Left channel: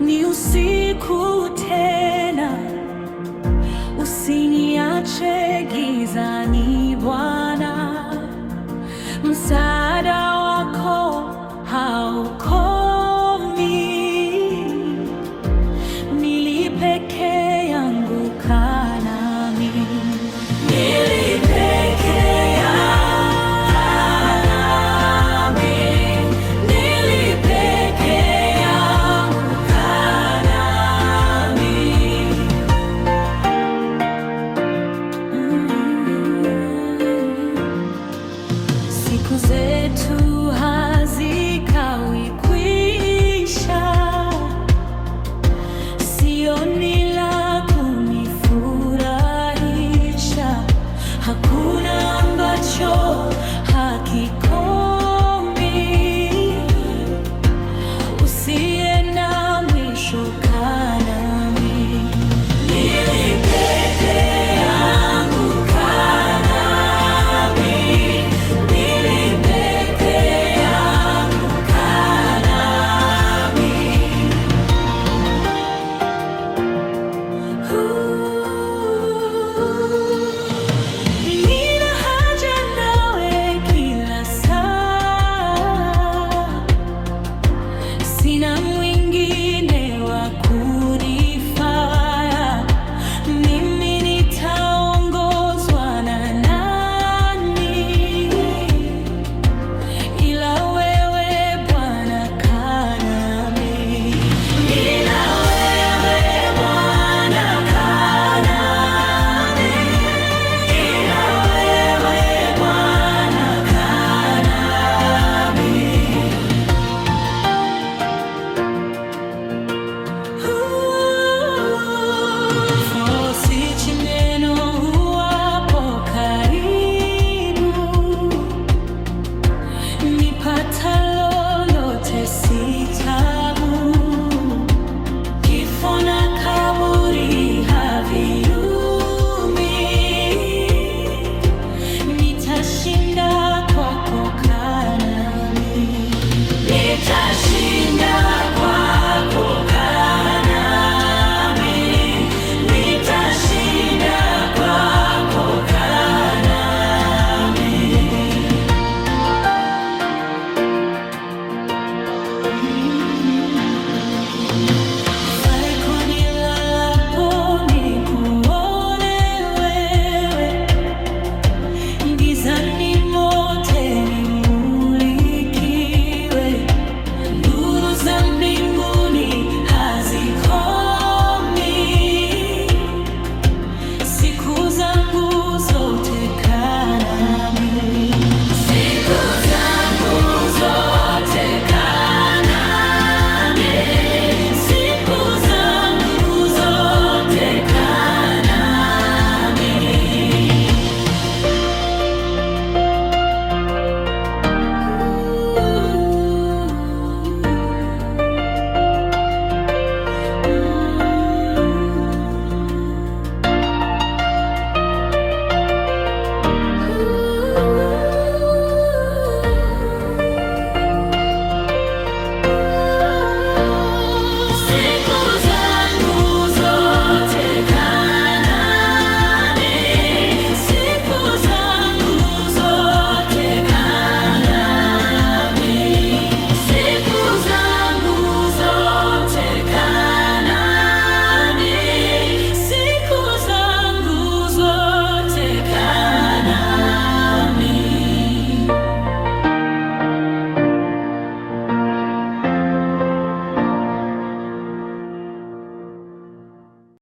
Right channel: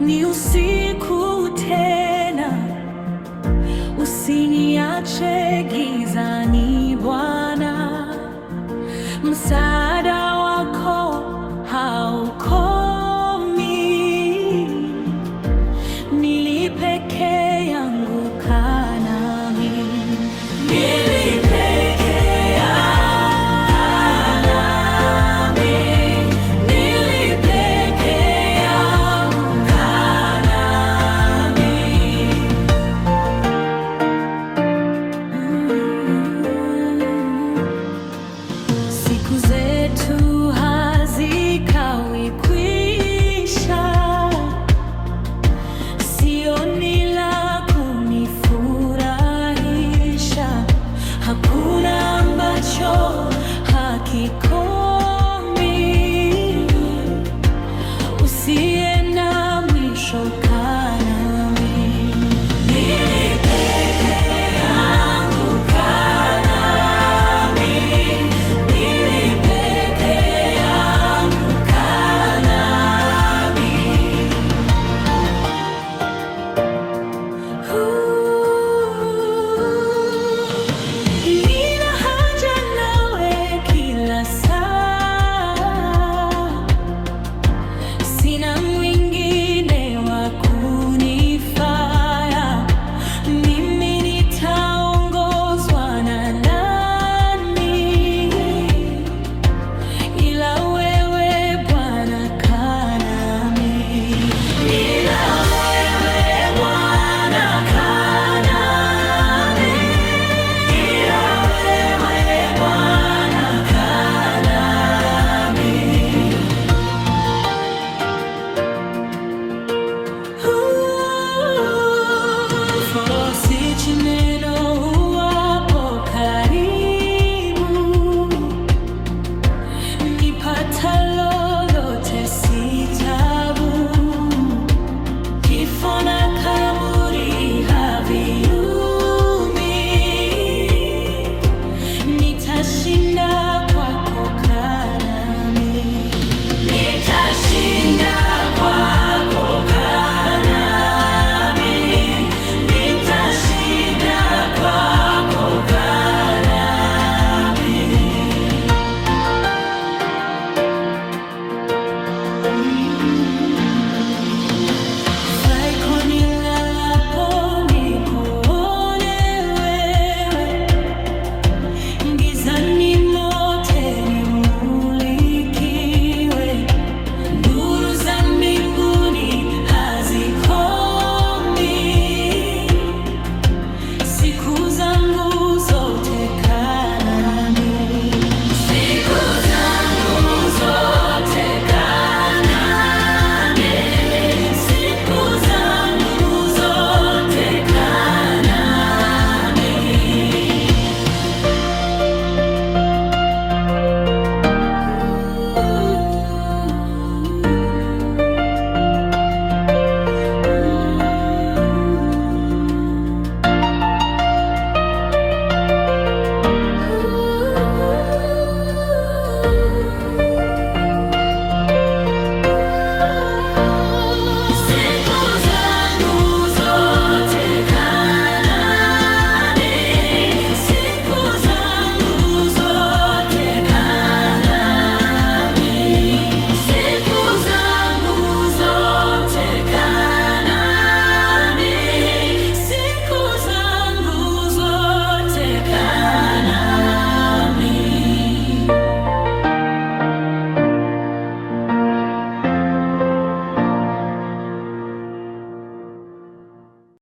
Ni usiku tena, usiniache gizani Bwana, msaada wako haukomi. Nili peke yangu, kaa nami. Siku zetu hazikawi kwisha, sioni la kunifurahisha. Hakuna ambacho hakikomi, usiye na mwisho, kaa nami. Sina mwingine wa kunifaa, mimi nitaongozwa na nani? Ila wewe Bwana, kaa nami. Ila wewe Bwana, kaa nami. Ila wewe Bwana, kaa nami. Fosi neno uwapo karibu, nipata lolote si taabu. Kifo na kaburi haviumi, nitashinda kwako, kaa nami. Nitashinda kwako, kaa nami. Nitashinda kwako, kaa nami. Faiko nilalapo nikuone wewe, gizani mote nimulikiwe. Nuru za mbinguni hazikomi, siku zangu zote kaa nami.